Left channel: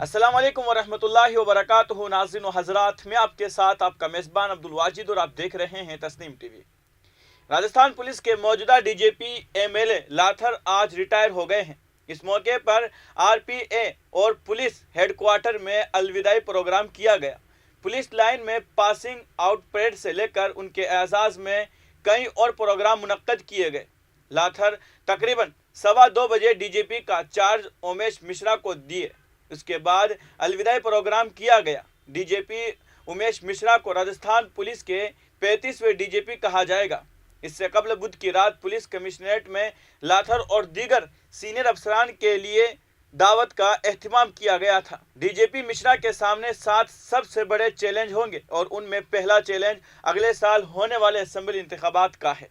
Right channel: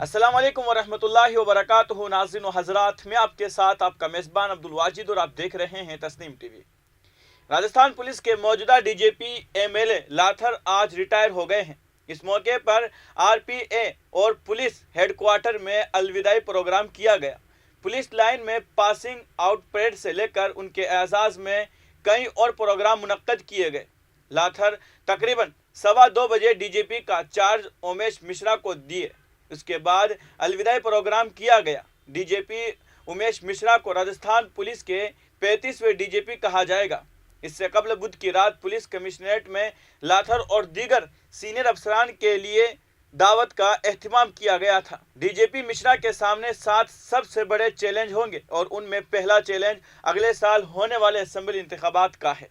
अस्सलाम वालेकुम वरहमतुल्लाहि वबरकातुहू। नाज़रीन व हज़रात, मैं आपके साथ आपका मेज़बान अब्दुल वाजिद और आप देख रहे हैं तस्नीम टीवी। राजस्थान पुलिस के मौजूदा डीजीपी एमएलए लाथर आज रिटायर हो गए हैं। इस मौके पर आरपीए और पुलिस हेडक्वार्टर में अलविदाई प्रोग्राम किया गया। पुलिस लाइन में पासिंग आउट परेड से लेकर उनके एजाज़ में कई और प्रोग्राम मुनक्कद किए गए। लाथर तकरीबन 2:15 बजे डीजीपी का चार्ज उमेश मिश्रा को दिए। उसके बाद अलविदाई प्रोग्राम किया गया। डीजीपी उमेश मिश्रा को राजस्थान पुलिस के 35वें डीजीपी कहा जाएगा। इससे कबल बुध की रात पुलिस कमिश्नरेट में लाथर और दीगर सीनियर अफसरान के लिए दावत का एहतमाम किया गया था। डीजीपी मिश्रा के सामने 7 सबसे बड़े चैलेंज होंगे और उनमें पहला चैलेंज अगले साल होने वाले असेंबली इंतखाबात का है।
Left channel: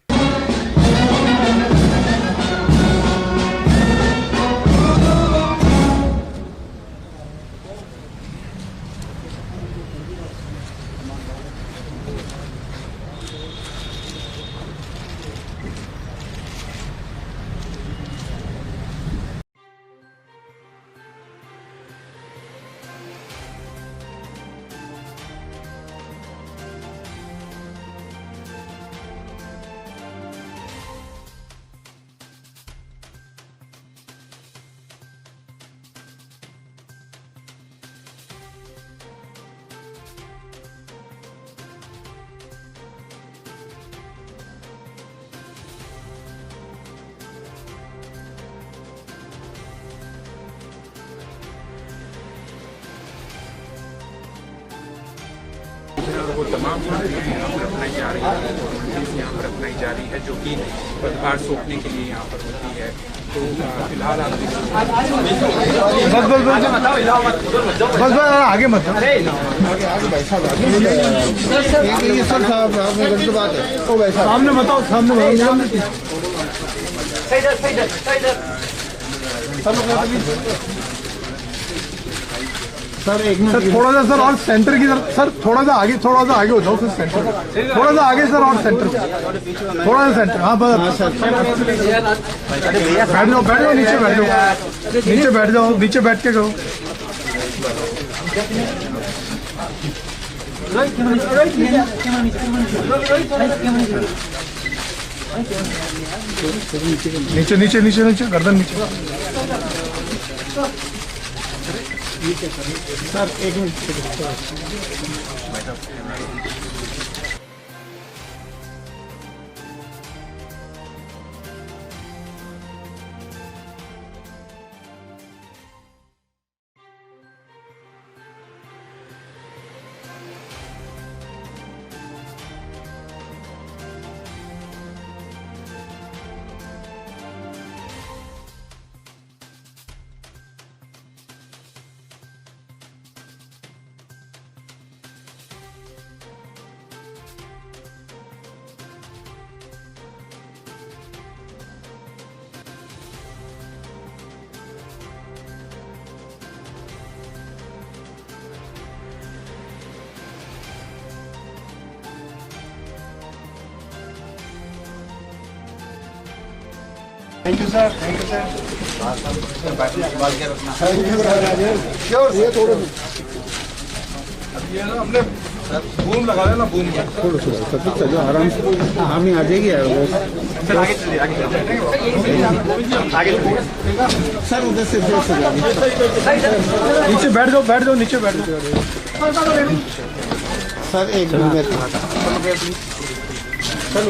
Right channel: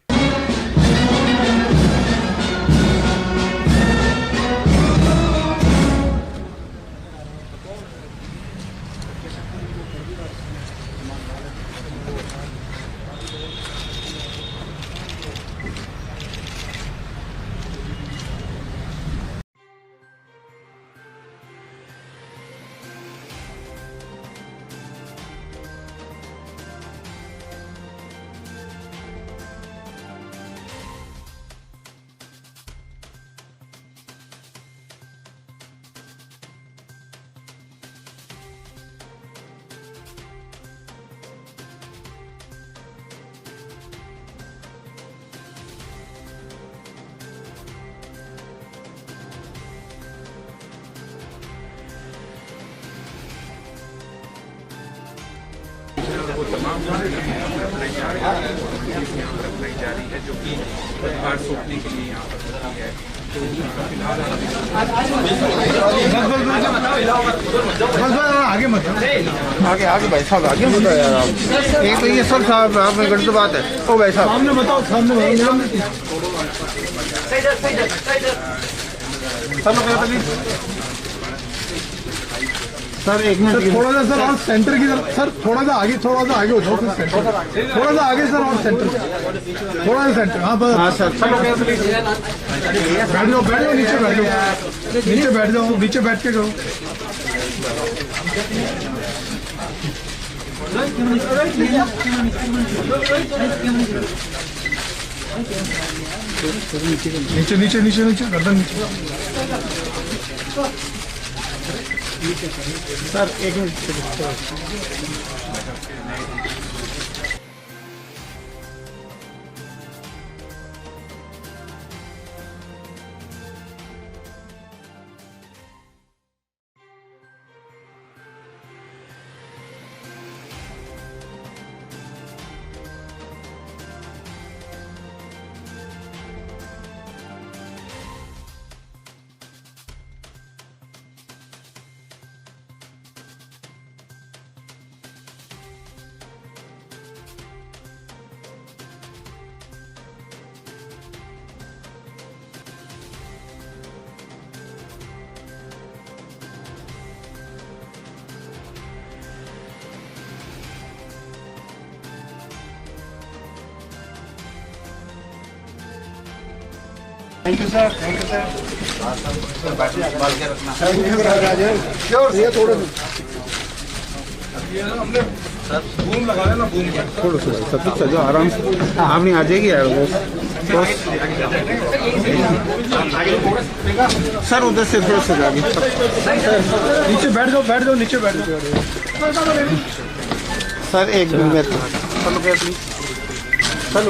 वो तमाम प्रक्रियाएँ यहाँ पर अपनाई जा रही है, चीज़ यहाँ पर अपनाई जा रही है जो कि पदभार सौंपने के लिए यहाँ पर होती है। तो फिलहाल आगे मत आगे आगे भाई साहब आगे एक ये सब साहब आप में गलत बात है। ओ भाई साहब सामने बताओ, सामने सर एक मिनट सर, थोड़ा सा सर और सेंटर की तरफ सर, थोड़ा सा आगे हो जाओ सर, सेंटर थोड़ा सा आगे सर, और सेंटर थोड़ा सा सेंटर। हाँ बस सर, बैठ जाओ नीचे बैठ जाओ, नीचे बैठ के करो। नीचे गर्दन नीचे सर, एक minute. Thank you sir, thank you sir. संभाल के रखना। ये थोड़े ये ना हमने बूम लगा देना, बूम थोड़ा सा सब चलो आराम से, आप नहीं आ जाएगी यार वो सर, उधर से थोड़ा सा आगे नीचे बैठ जाओ नीचे बैठ जाओ सर। एक मिनट सर,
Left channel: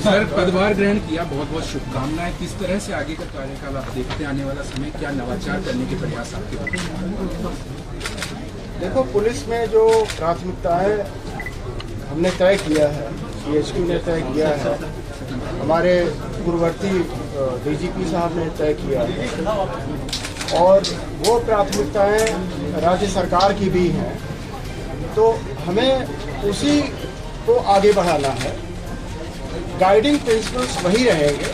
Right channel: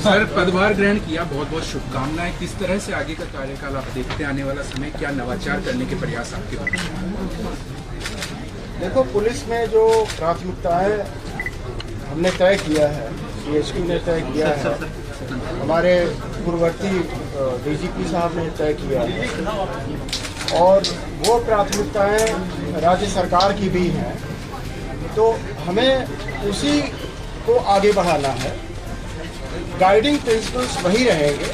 सर, पदभार ग्रहण किया, बहुत बहुत शुभकामनाएं। किस तरह से आगे का कार्यकाल आप देखते हैं? आने वाला समय क्या नवाचार करने के प्रयास आपके पास? देखो, पुलिस में जो प्राथमिकताएं हमने तय किया है, CHQ ने तय किया है, हमारे पूर्ववर्ती DGP साहब ने तय किया है और वो प्राथमिकताएं राज्य सरकार की भी हैं, तो हमें उसी को आगे बढ़ाना है। गाइडिंग प्रिंसिपल्स वही रहेंगे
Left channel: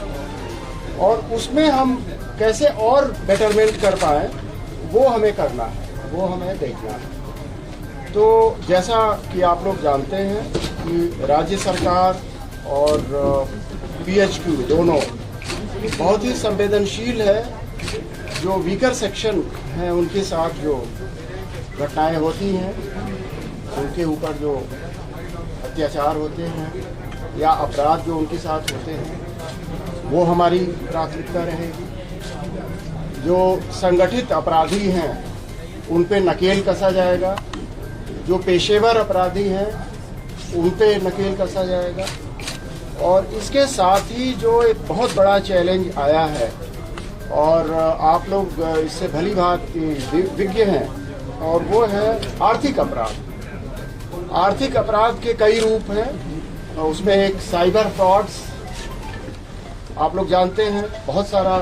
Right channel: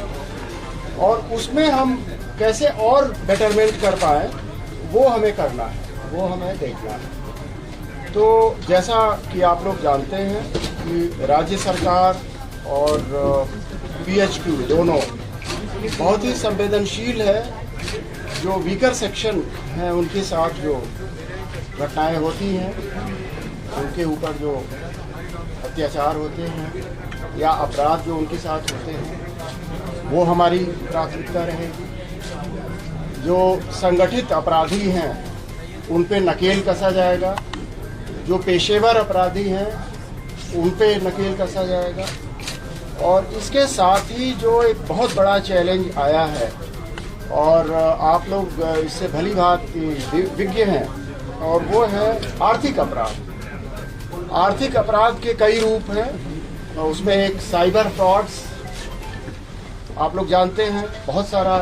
और उसमें हम कैसे और बेटरमेंट कर पाएँ वो हमें करना है, वो हमें देखना है। तो जैसा कि आप लोग जानते हैं कि राज्य सरकार और PHQ दोनों बहुत ही संवेदनशील है। जो वीकर सेक्शन हैं उनके साथ जो घटनाएं होती हैं, उनके ऊपर जो अत्याचार होते हैं या अपराध जो उनके साथ होते हैं, वो हमारी प्राथमिकता रहेगी। जो संगठित अपराधी हैं उन पे नकेल कसा जाएगा, जो पेशेवर अपराधी हैं उन पे नकेल कसा जाएगा। और इसके साथ ही जो एक बहुत बड़ा चैलेंज आया है और आप लोग इससे भली भांति विज्ञ हैं, और वो है आर्थिक अपराध। आर्थिक अपराध के कई रूप हैं, उसमें एक साइबर फ्रॉड्स, आप लोग जानते हैं बहुत सारा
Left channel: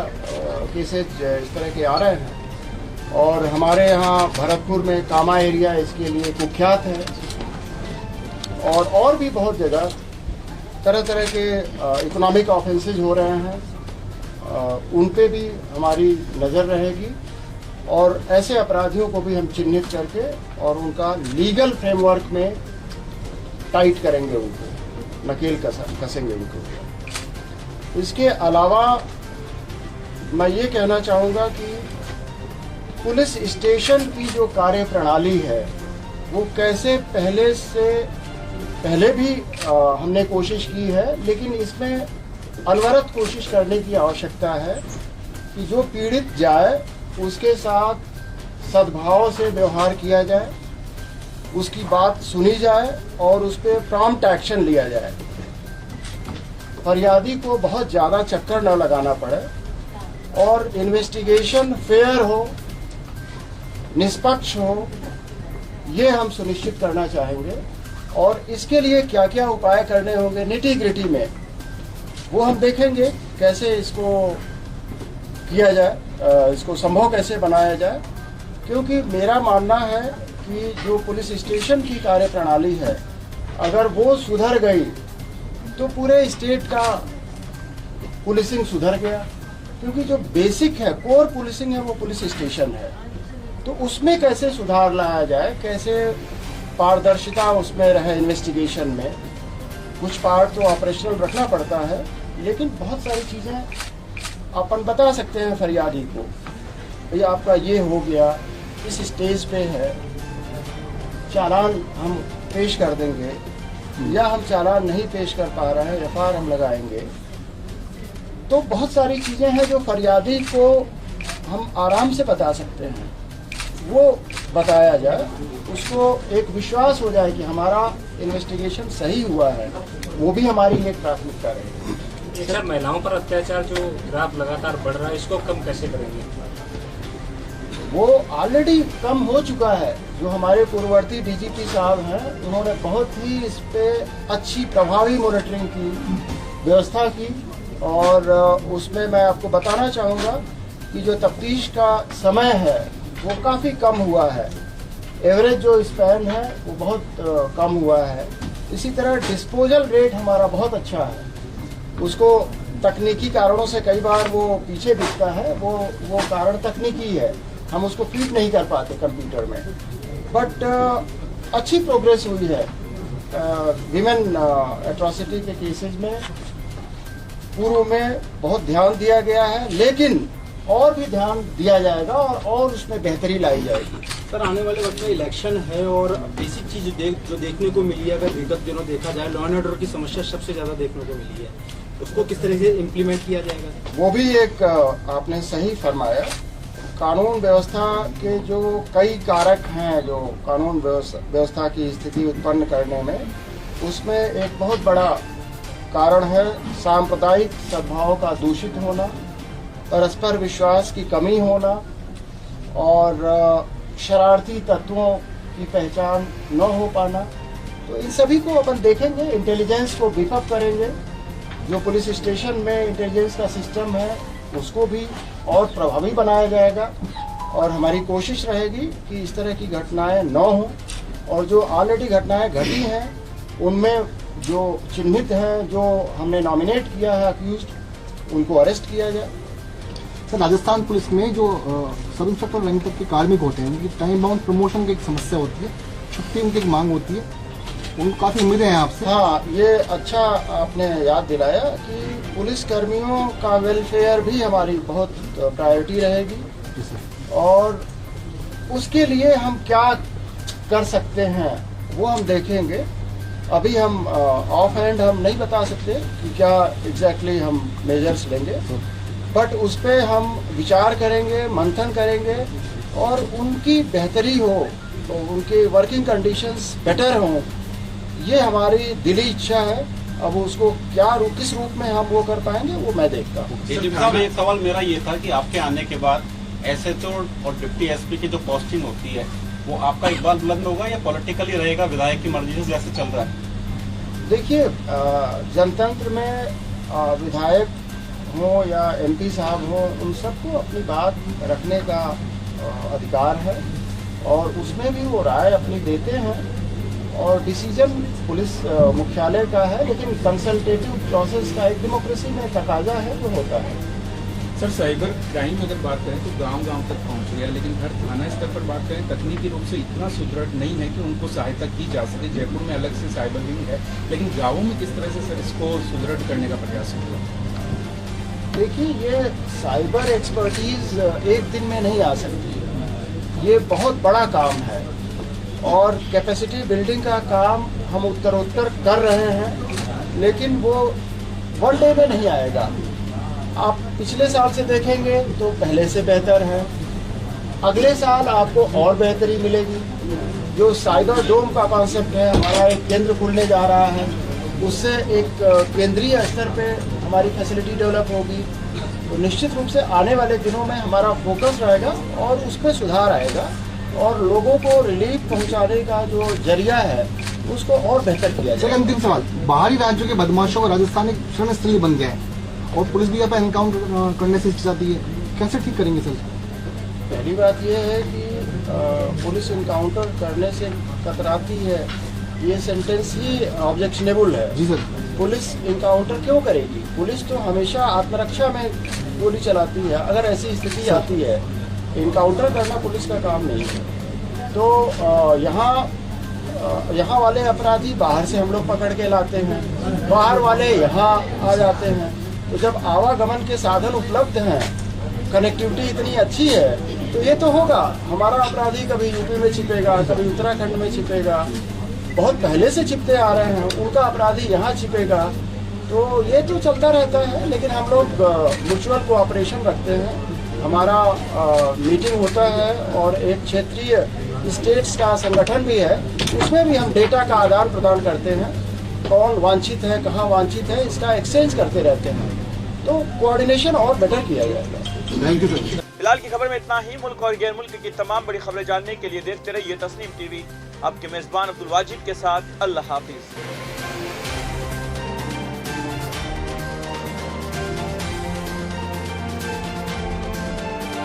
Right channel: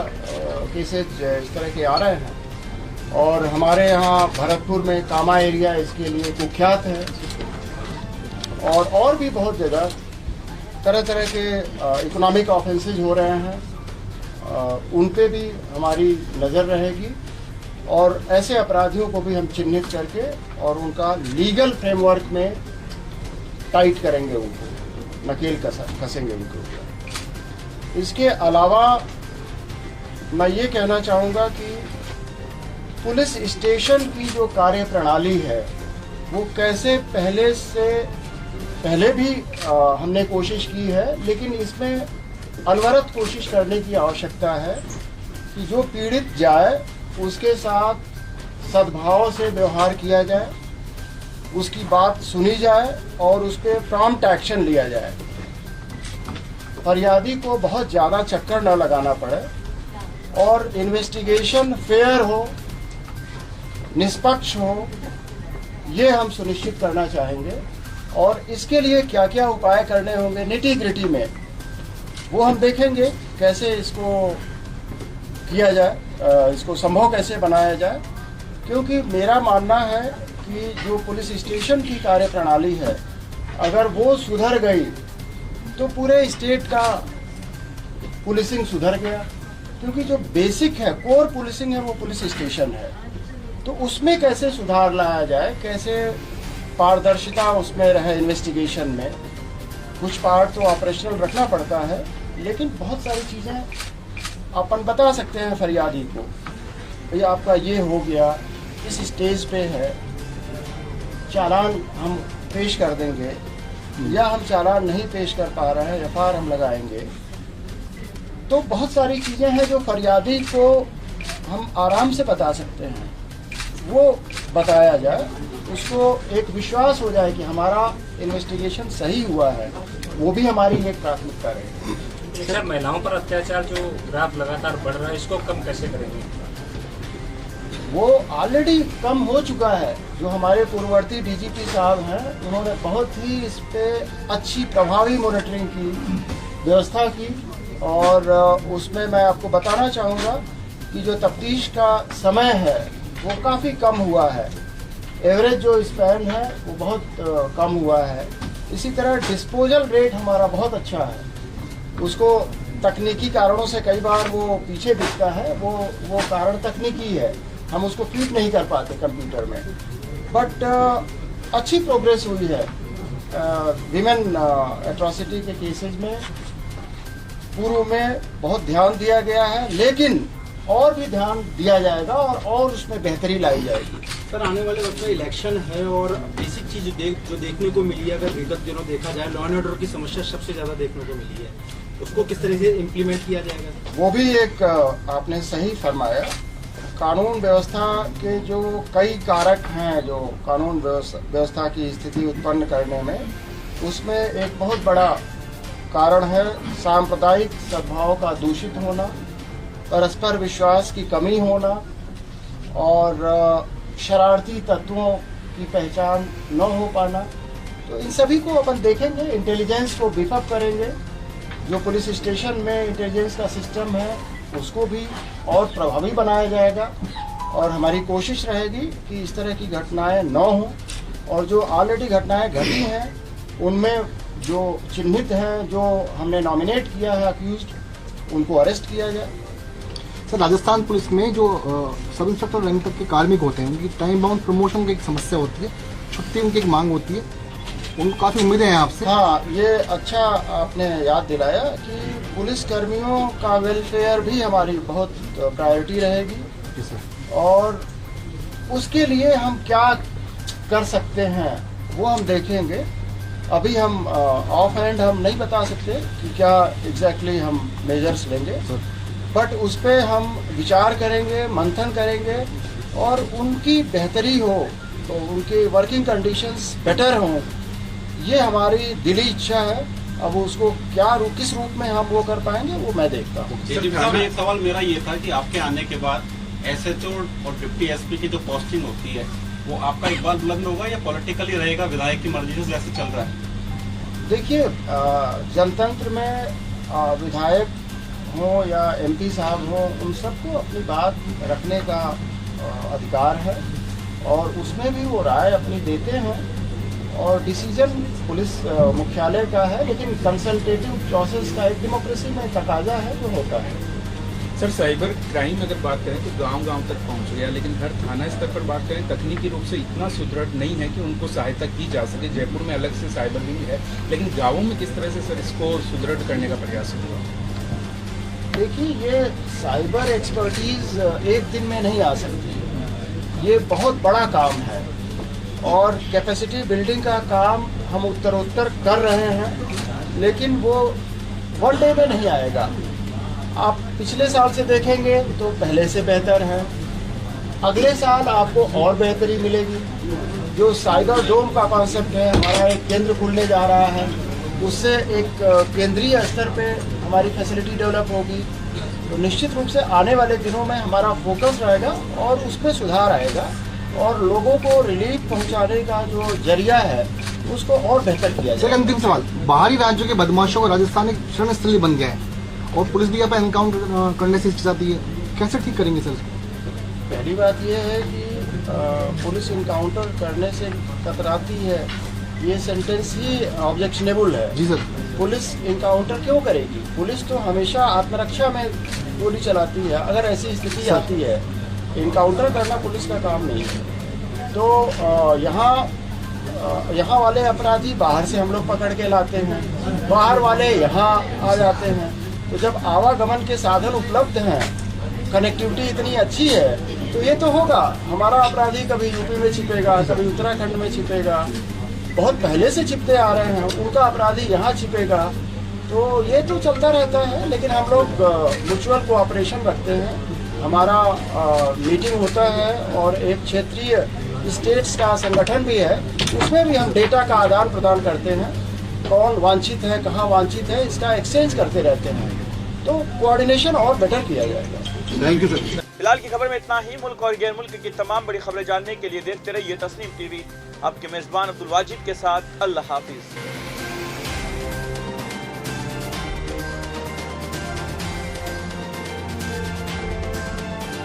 केसेज इस तरह के आ रहे हैं और हमारे यहाँ भरतपुर में कामा एरिया इसके लिए कुख्यात है और भी बहुत जगह तरह तरह के इकोनॉमिक ऑफेंसेज हो रहे हैं, उन पे भी हमारी नज़र रहेगी और ऐसे अपराधियों को भी हम चिन्हित करके और उनका लीगल फ्रेमवर्क में टाइट करेंगे, उनको नकेल कसेंगे उनको। इसके अलावा मैं ये कहना चाहूँगा कि पुलिस स्टेशन की जो कार्य प्रणाली है वो कैसे पहले भी हमने कोशिश की है, लेकिन इसमें अनवरत कोशिश करने की आवश्यकता है कि जो पीड़ित जाए उसके साथ सद्भाव से व्यवहार किया जाए, उसकी बात सुनी जाए और उस पर प्रॉम्प्ट एक्शन लिया जाए। फरियादी को बहुत ज़्यादा चक्कर न लगाना पड़े और इन्वेस्टिगेशन फेयर हो, निष्पक्ष हो, ये हम सुनिश्चित करना चाहेंगे। और इसके लिए क्या क्या उपाय करने होंगे निटी ग्रिटी में, वो हम देखेंगे कैसे इसको किया जाए, इसको संभव कैसे बनाया जाए। क्योंकि मेरा मानना है कि जो पुलिस स्टेशन की कार्य प्रणाली है, अगर वो सुधर गई तो पूरे स्टेट का पुलिसिंग सुधर गया। क्योंकि जो बेसिक है, कोर पुलिसिंग है, वो पुलिस स्टेशन है। तो उसमें कैसे सुधार लाया जाए, कैसे पारदर्शिता उसमें रहे इन्वेस्टिगेशन में। कुछ पार्ट तो ऑपरेशनल रखना पड़ता है, लेकिन बहुत सारी चीज़ें अपन बता सकते हैं फरियादी को, भैया आपका ये हो गया, इस स्टेज पे है, चालान हम पेश कर देंगे या हम चालान नहीं पेश कर पा रहे हैं, FIR हम लगाएंगे। तो बहुत सारी चीज़ें हैं जो फरियादी को हम आराम से बता सकते हैं, वो बताया जाए, उसको एक विश्वास हो जाए कि हमारा इन्वेस्टिगेशन सही हुआ है, वो भी हमारी एक प्राथमिकता रहेगी। सर, महिलाओं पर अत्याचार जो ग्राफ लगातार बढ़ रहा है, इसको कम कैसे करेंगे? वो ऑलरेडी कम हो चुका है। जो हमारे पूर्ववर्ती DGP साहब हैं, उन्होंने बहुत ही इस पे अच्छी प्रभावी मॉनिटरिंग की व्यवस्था की और उसमें मैं आपको बताना चाहूँगा कि जो तफ्तीश का समय है वो काफ़ी कम हुआ है। एवरेज जो स्पैन है वो बहुत कम हुआ है। इसी तरह डिस्पोजल रेट हमारा बहुत अच्छा है। उसको तकनीकी कारणों से कई बार वो पीछे दिखता है, वो कारण तकनीकी है, हम उसको फीड नहीं कर पाते कंप्यूटर में। बट अच्छी प्रोग्रेस हुई है। विमेन एट्रॉसिटी के केसेज में पूर्व में बहुत ध्यान दिया गया है, लेकिन और भी ध्यान दिया जाएगा और उसमें बेहतरी लाई जाएगी। सर, आने वाले वक्त में इलेक्शन है और बेसिक चीज जो देखने को मिली है, अगर विगत दिनों देखा जाए, लॉ एंड ऑर्डर की समस्या सबसे ज्यादा देखने को मिली है, उसको किस तरह से इम्प्लीमेंट किया जाएगा? वो भी एक आपने सही फरमाया। कानून व्यवस्था के जो कई कारक हैं जो कानून व्यवस्था की स्थिति उत्पन्न करने में, उसमें एक बहुत बड़ा कारण है सांप्रदायिक सद्भाव का दूषित होना, परस्पर विश्वास की कमी होना और शरारती तत्वों की पहचान न हो पाना। तो इन सभी को अपन देखेंगे, इंटेलिजेंस को बीफ अप करेंगे, जो पुलिस स्टेशन में इंटेलिजेंस का सिस्टम है उसको भी और प्रभावी बनाया जाएगा और हमारी कोशिश रहेगी कि इस तरह की घटनाएं न हों और जो ऑलरेडी घटनाएं घटी हैं उनमें जो चिन्हित हैं, जो हमने नॉमिनेट किया है अक्यूज्ड, उनको अरेस्ट किया जाए। सर, राजस्थान पुलिस में जो सब इंस्पेक्टर रैंक तक के कार्मिक होते हैं उनकी टाइम बाउंड प्रमोशन की एक समस्या होती है, छुट्टी उनकी एक मांग होती है, उनको काफ़ी उम्मीदें हैं आपसे। हाँ, ये अच्छा आपने याद दिलाया कि पुलिस कर्मियों का वेलफेयर भी हमारी बहुत प्रायोरिटी रहेगी और उसके लिए हम क्या कर सकते हैं वो हम देखेंगे। अभी हम ऑफ हैंड हम नहीं बता सकते कि क्या एग्जैक्टली हम मेजर्स लेंगे, बट उस पर हम विचार करेंगे, मंथन करेंगे और उनकी बेहतरी हो, तो उनकी वर्किंग कंडीशंस बेटर हों, ये हमारी दिली इच्छा है। अब उसको क्या किस रूप में हम वो कर पाएंगे वो मैं देखता हूँ। साहब, एक सवाल मेरा ये था कि आपके आने के बाद एसएचओ और डिप्टी एसपी की जो पोस्टिंग होती है वो आपका इकबाल बुलंद होगा या पॉलिटिकली रहेगा, विधायक की मर्जी से जैसे चल रहा है? देखिए, जनतंत्र में विधायक हो या एमपी साहब हो, उन सबको अपनी बात रखने का अधिकार है और उसमें भी वो राय अपनी देते हैं और डिसीजन पुलिस मुख्यालय का है, लेकिन कंसल्टेटिव प्रोसेस का एक डेमोक्रेसी में तकाजा है जो होता है। सर, साइबर क्राइम अगर बात करें तो गांव-गांव तक पहुंच गया, लेकिन हर थाना स्तर पर बात करें तकनीकी रूप से इतना सुदृढ़ नहीं है कि उनको सहायता की जा सके। जयपुर में अलग से साइबर विंग है, लेकिन गाँवों में किस तरह से सर इसको सुदृढ़ करने का प्रयास होगा? देखिए, ये साइबर एक्सपर्टीज एक दिन में नहीं आ सकती, ये बहुत बड़ा काम है और कैपेसिटी बिल्डिंग का काम हम उत्तरोत्तर कर रहे हैं, लेकिन वो वन डे में नहीं आएगा। आप पिछले साल से देखेंगे तो पहले से बेहतर है, अगले साल आपको और बेहतरी मिलेगी। जो साइबर डोम का कॉन्सेप्ट है, हमारा एक केंद्र खुलने जा रहा है, उससे एक केंद्रीय स्तर पे हमारी फैसिलिटी डेवलप होगी, तो निश्चित रूप से आने वाले दिनों में हमारा फोकस रहेगा और उसमें सुधार आएगा और लोगों को रिलीफ पहुंचाने का जो जरिया है उसको और बेहतर किया जाए। अंतिम सवाल, बाहरी राज्यों के बदमाशों को राजस्थान एक शरण स्थली बन गया है और पुलिस भी यहाँ पे एनकाउंटर करने से हिचकिचाती है, कैसे ठीक करेंगे सर? पहली बात यह है कि पुलिस इनकाउंटर करने से कतराती है, ये सेंटेंस ही ऑब्जेक्शनेबल है। जी सर। पुलिस इनकाउंटर क्यों करेगी? पुलिस तो हमेशा आत्मरक्षा में गोली चलाती है। अगर ऐसी स्थिति आती है, इनकाउंटर करना पुलिस का काम नहीं है। तो यहाँ वाले अपराधी बाहर से हम लोग पकड़ के लाते हैं, बाहर वाले यहाँ आ जाते हैं। तो जब आवागमन के साधन उपलब्ध हैं, कनेक्टिविटी इतनी अच्छी है, तो ये तो होगा। हमारा अपराधी कभी यूपी में छिपेगा, कभी उत्तराखंड में छिपेगा, बहुत पहले से छिपते आ रहे हैं, उनका अपराधी यहाँ छिपेगा, तो ये तो चलता रहता है। लेकिन हम लोग म्यूचुअल कोऑपरेशन रखते हैं, हमारा मीटिंग होता है और एक क्षेत्रीय स्टेट्स का संगठन भी है, उसमें भी हम डेटा का आदान प्रदान करते हैं, कौन वांछित है, कहाँ वांछित है, इसका एक्सचेंज करते रहते हैं, तो कोऑर्डिनेशन और बेटर किया जाएगा। Thank you sir. फिलहाल की खबर में इतना ही। मुल्क और गैर मुल्क की तमाम बड़ी खबरें जानने के लिए देखते रहिए तस्नीम टीवी। आपके मेजबान अब्दुल वाजिद के साथ अल्लाह हाफिज।